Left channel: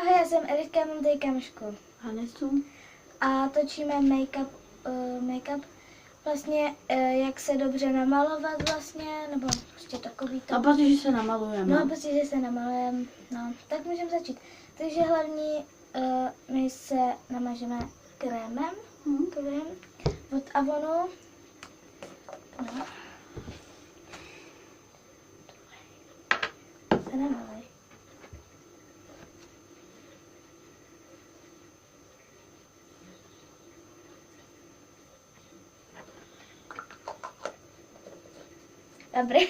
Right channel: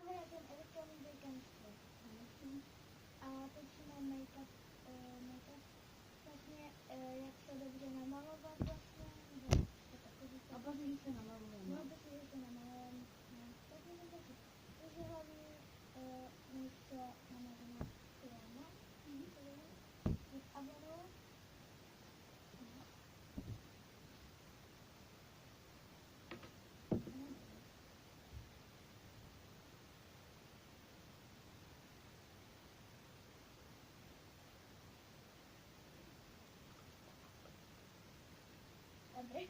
Ahoj, já jsem Eriška, mám tady kamošku. Hanesu. A točíme make-up, vlastně jak se dobře namalovat vlastně, nebo prostě takový to. A protože se namalujeme. No, protože se namalujeme, no, tak můžeme začít. Takže hlavní my se namažeme krémem, krém od Avonu. No. Se nemaluj. Dobrý.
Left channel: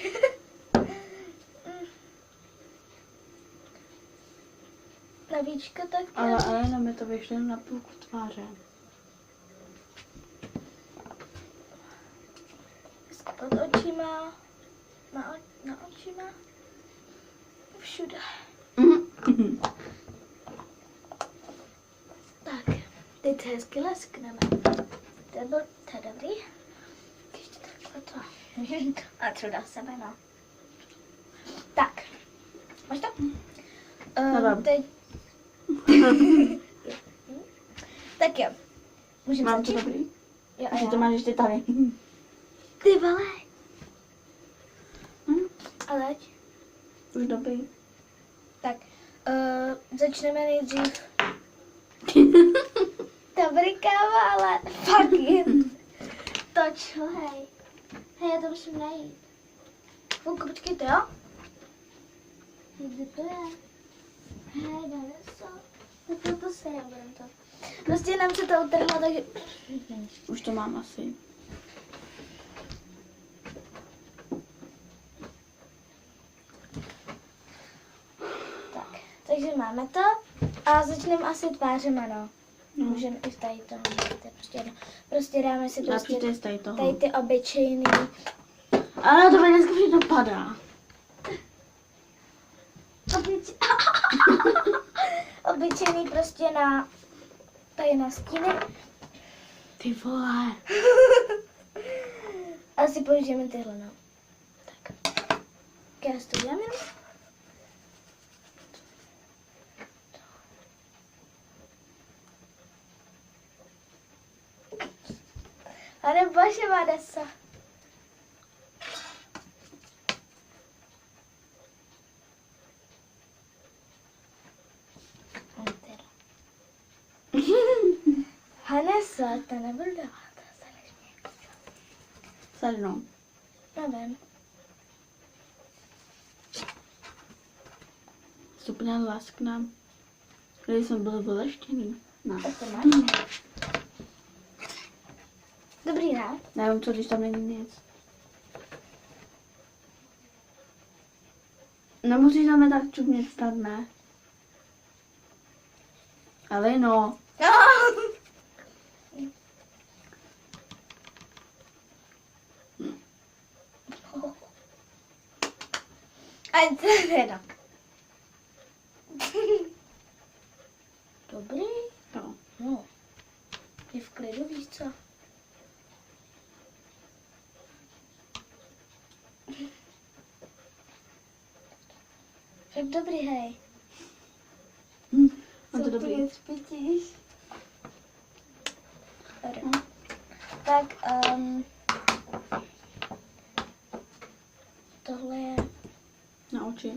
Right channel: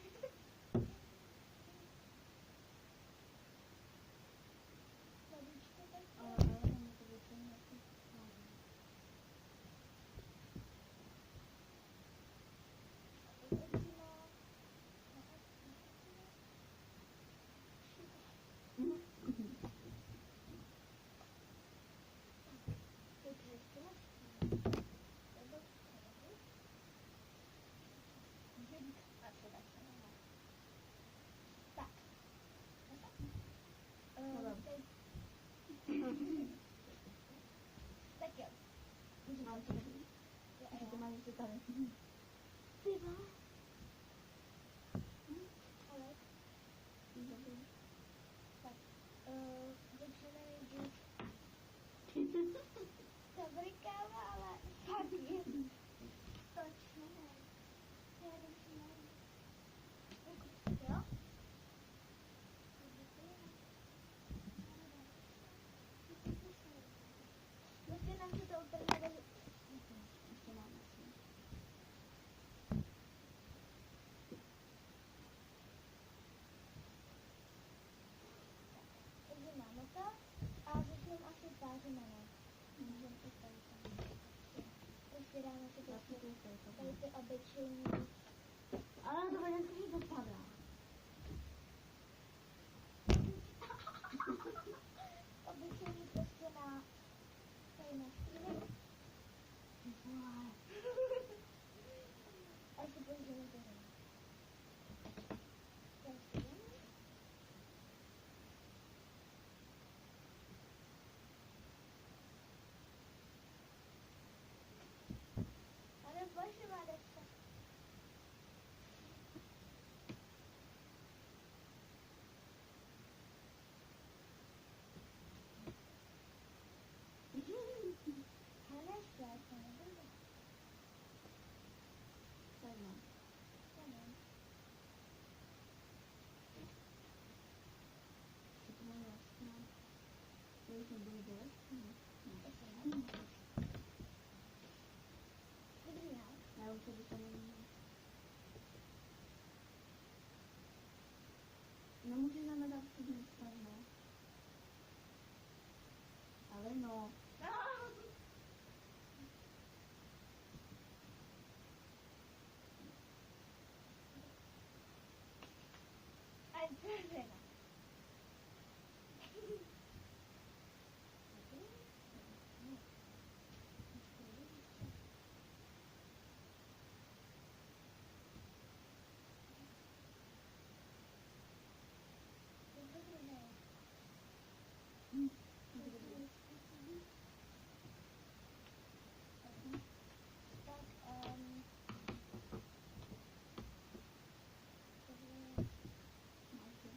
Na víčko tak. Ale nám je to vyšlo na půlku tváře. Pod očima. Na očima. Všude. Tak, teď hezky leskneme. To je dobrý. Ještě takhle to. A co dá sebe, no. Tak. Máš to? Teď. Tak jo. Můžeme Mám to začít? dobrý? Jo, a Že já. to máš ještě tady. Ty vole. A teď? Už dobrý. Tak. Začneme nejdřív. Dobrý káva, ale fuck it. Toč, hej. Hej, já to musím najít. Chvilku, počkejte, jo? Kde to je? Hej, dáme se. To se nebudem to. Prostě nám se to utrhlo, takže... Už to mám asi. Tak, takže máme to. A začneme asi tvářema, no. Můžeme i tady toho. To je prostě jedno. Prostě dáme si prostě Například z tady toho. tady ty obyčejný. Ale to dneska všechno padá. Obyčejný prostě na tady na stíny. Ty vole. Asi použijeme tyhle, no. Tak. Já si to udělám jenom. Ale bože, Vanessa. Vanessa, to nebudu dávat. Sednou. Nevím. Stupně lasknám. Když jsem byl vyleštěný. No. Tak to máš. Dobrý, ne? Nevím, co když tam není nic. Nemusíš tam tak čumět snad, ne? Ale no. A teda. Dobrý. No. No. Je v klidu, víš co? Tak dobrý, hej. On to dobrý. Spítíš? Tak, tohle je, Na oči.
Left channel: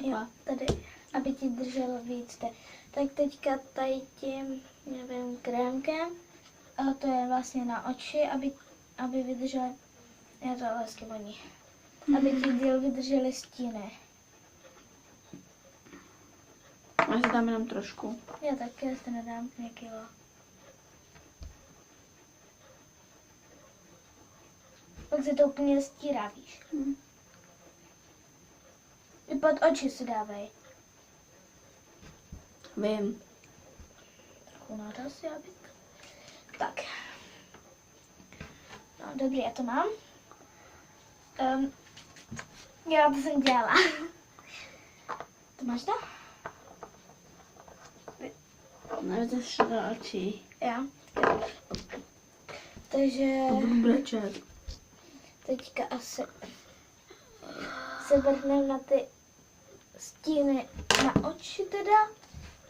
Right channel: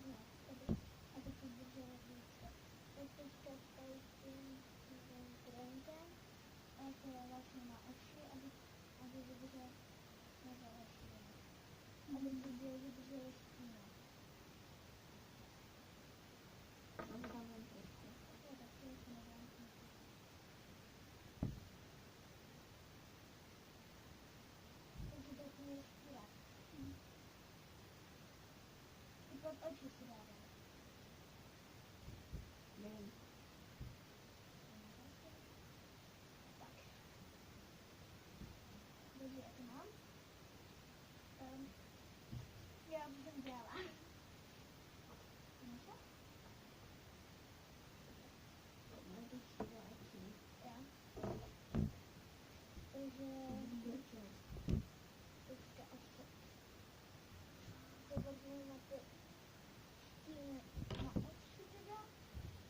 jo, tady, aby ti drželo víc. Tak teďka tady tím, nevím, krémkem, a to je vlastně na oči, aby vydržel, já to vlastně voní, aby ti díl vydržely stíny. Já si dám jenom trošku. Já taky, já si nedám někýho. Pak se to úplně stírá, víš. I pod oči si dávej. Vím. Trochu náraz, já bych. Tak. No, dobrý, já to mám. Já to jsem dělala. To máš to? Nevíte se do očí. Jo. Takže Budu brečet. teďka asi se vrhneme na ty stíny na oči teda.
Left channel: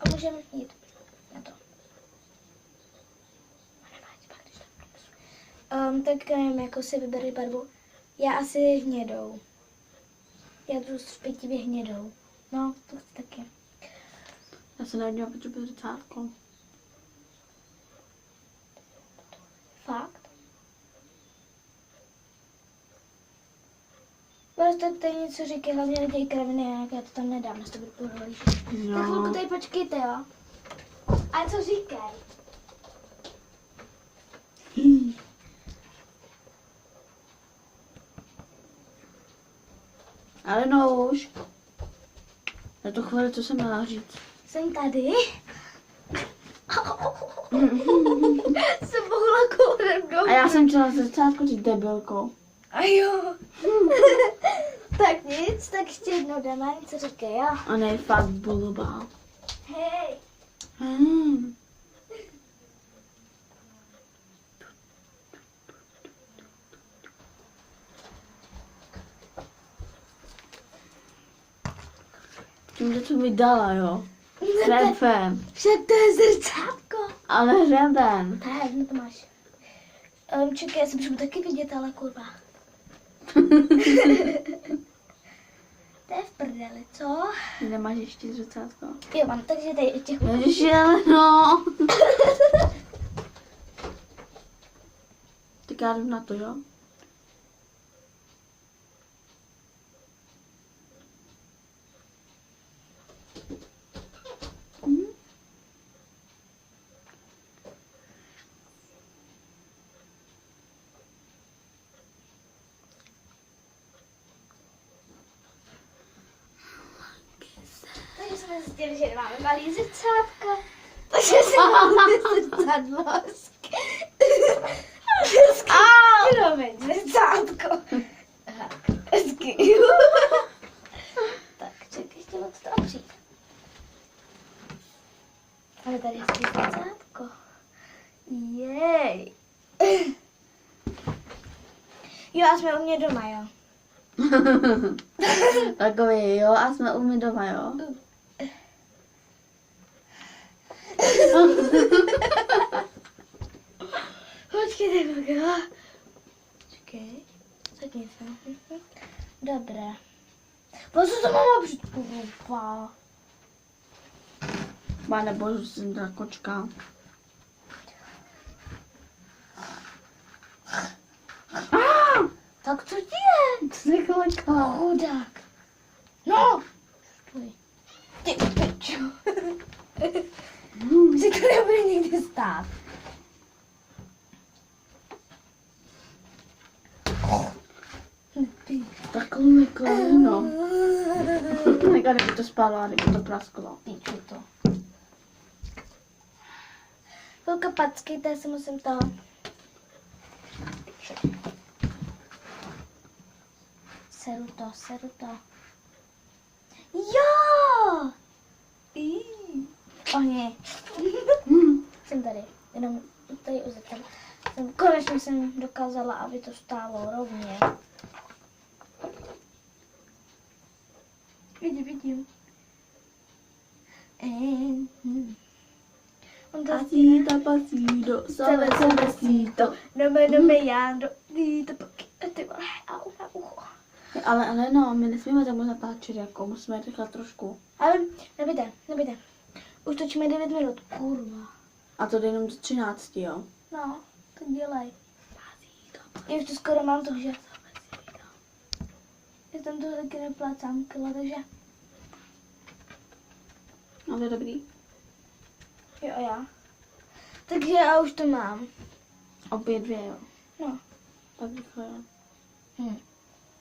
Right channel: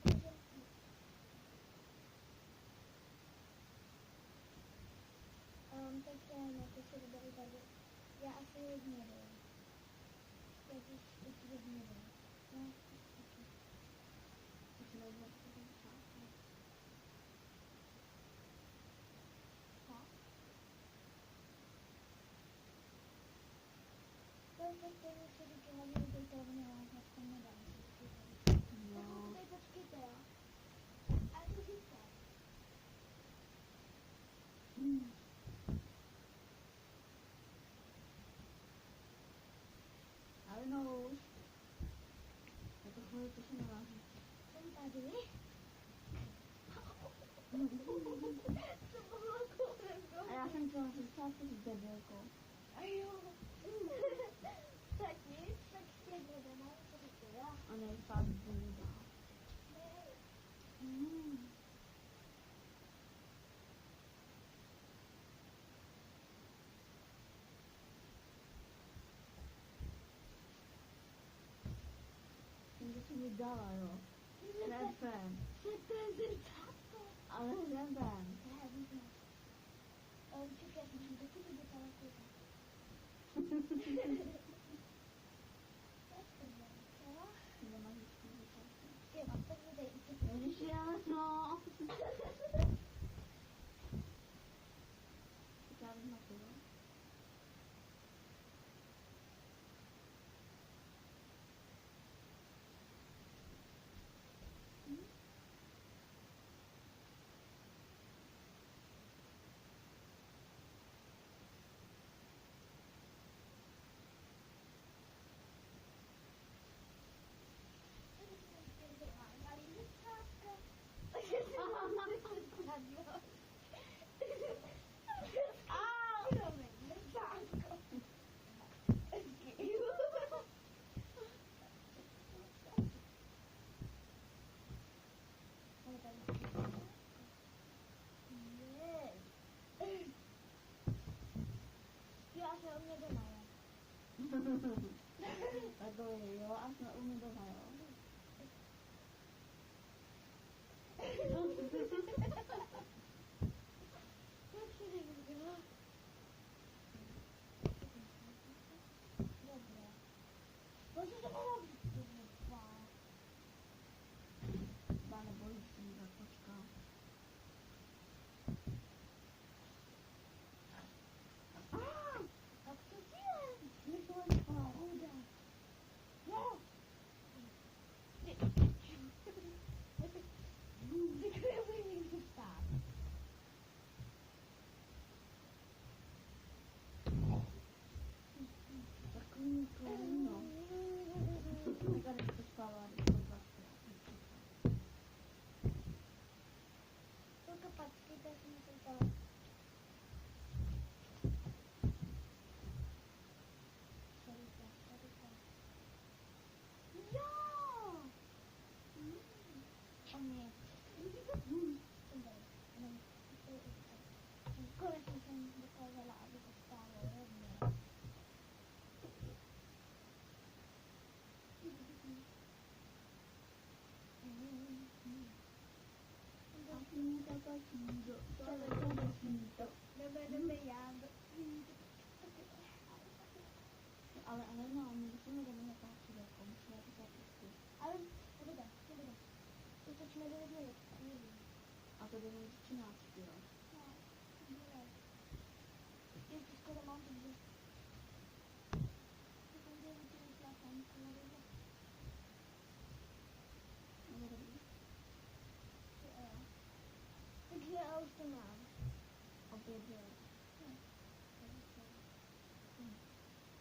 A můžeme jít na to. Tak nevím, jako si vyberej barvu. Já asi hnědou. Já jdu zpětivě hnědou. No, to taky. Já se nevěděla, protože bude zrcátko. Fakt? Prostě tady něco říkají, hlavně nedějí kraviny, jak já to tam nedám, než to bude pohodlnější. Tak chvilku tady počkejte, jo? A co říkají? Ale no už. Na tu chvíli, co jsem měla říct. Jsem tady. Jsem mohla kourem do. A já jsem chtěla zrcátko říct debilkou. A jo. Tak nic, tak ještě jednou jdeme, co říkají, jo? A ne, fakt blbá. Hej. Tímhle co mi dala, jo. Hřeben. Však to je zrcátko. Ale hřeben. Tak, no to máš. Čekaj, já se můžu taky vidět, ale kurva. To je v prdeli, co? Nemáš ještě zrcátko. Jo, mám, takže tady ještě chvilku. Ježiši, ale no. Tak já jdu na to, jo. Takže jsme zjistili, že nemáme malý zrcátka. Takže si máme zrcadlo. Promiň, zrcátko. Hezky. Tak, čekaj, ještě moc to opřít. Ale tady je zrcátko. Jej. Jo, a jsme u mě doma, jo. Takový, jo, a jsme u mě doma, jo. Počkej, tak jo. Čekej, tak nic. Dobré. Pozor, to mám opřít. Kurva. Pane bože, jsem ta kočka. Tak co ti je? To se koleka. Chudák. No. Pojď. Ty pičo. Si to nebude nikdy stát. Takhle koleno. Neka, kdyby to spala, kdyby to prasklo. Píču to. Chvilka packejte, se musím toho. Seru to. Jo! Ohni. Jsem tady, jenom tady uzetem. Konečně jsem dokázala, aby to stálo rovně. Vidím. On to Pasito, pasito. No me jando. Ty vole, au, na ucho. Ale no, my nesmíme tam natáčet, jako musíme rychle trošku. Ale nebyde. Už točíme 9 minut. Kurva. A to jde jenom do 13, jo. No, to dělej. Já už to skoro mám, takže... Já tam to taky neplácám kila, takže... No, to je dobrý. Jo, já. Takže já už to mám. Obě dvě, jo. No. Tak rychle.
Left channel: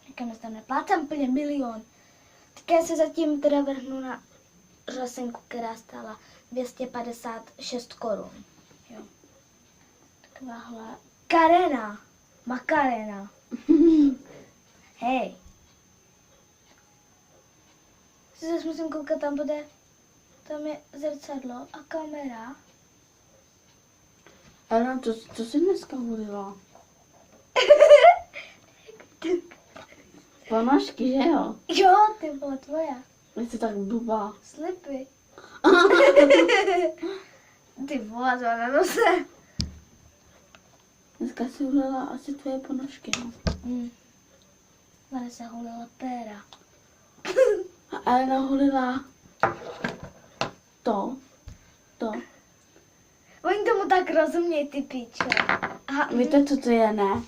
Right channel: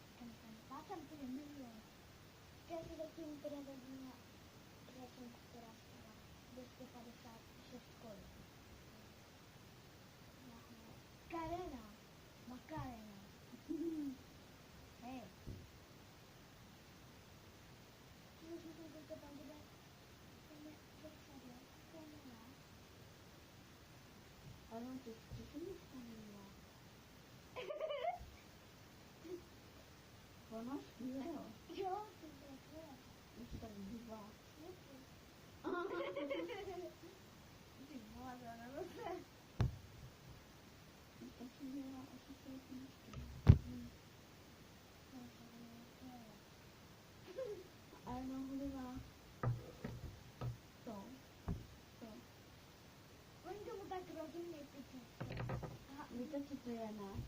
Říkám, že tam neplácám úplně milion. Tak já se zatím teda vrhnu na řasenku, která stála 256 korun. Jo. Takováhle. Makarena. Hej. Si zase musím koukat, tam je zrcadlo a kamera. Ale co jsi dneska volila? Ponožky, že jo? Jo, ty vole, tvoje. Jsi tak blbá. Slipy. Ty vole, to na nose. Dneska si ulila asi tvoje ponožky, no. Ona se hulila péra. A Elena hulila to. Oni tomu tak rozumějí, ty piče. Aha, Víte, co to je, ne?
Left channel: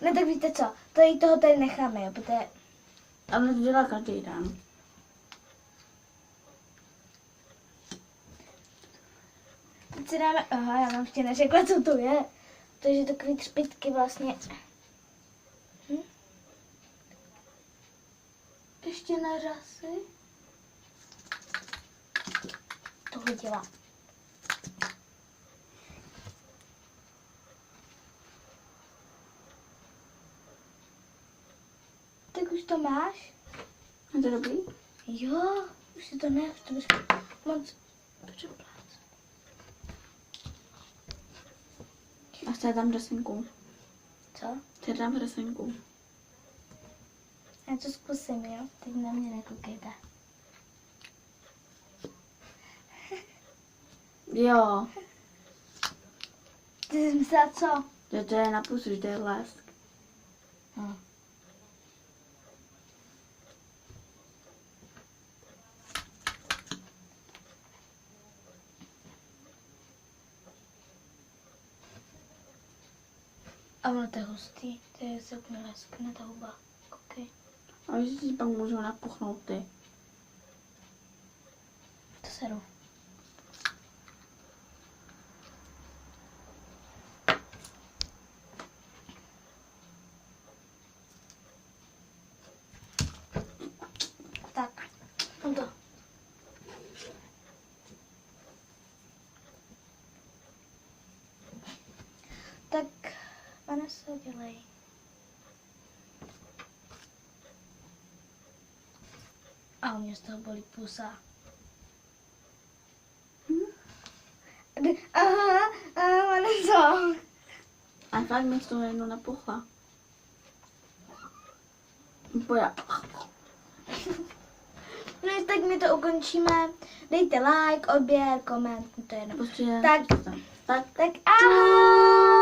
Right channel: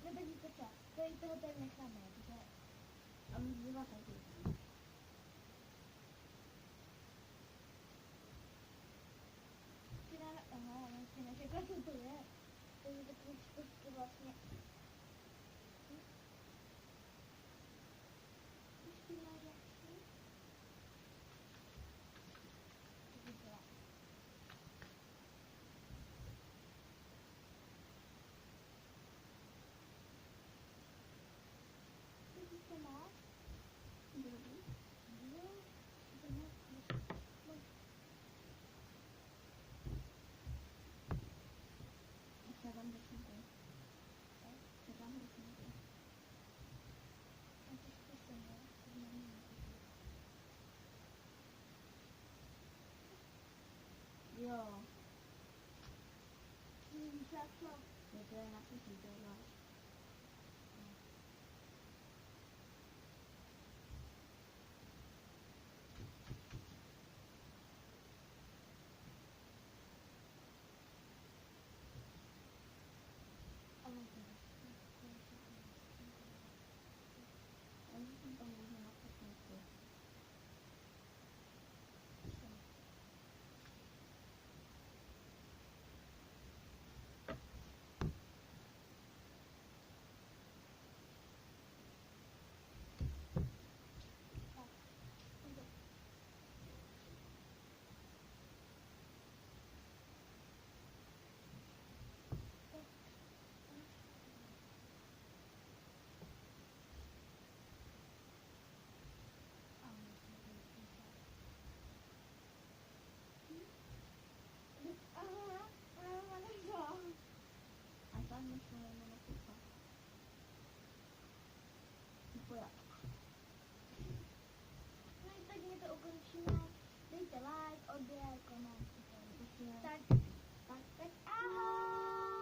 Ne, tak víte co, tady toho tady necháme, jo, protože... Ale to dělá každý den. Teď si dáme, aha, já vám ještě neřekla, co to je. Takže takový třpitky vlastně. Ještě na řasy. To hodila. Tak už to máš? Je to dobrý? Jo, už si to ne, už to bys moc přeplácel. A chci tam dresinku. Co? Chci tam dresinku. Já to zkusím, jo? Teď na mě nekoukejte. Jo, Ty jsi myslela co? že to je na pusu, že to je lesk. No. A ono to je hustý, to je se úplně leskne ta huba. Koukej. A že si pak můžou napuchnout ty. To seru. Tak, mám to. Tak, pane se udělej. A u mě z toho bolí pusa. Aha, pane co? A fakt mi z toho jednou napuchla. Boja. No tak my to ukončíme. Dejte like, odběr, koment, to je jedno. Prostě Tak. tak. Tak ahoj!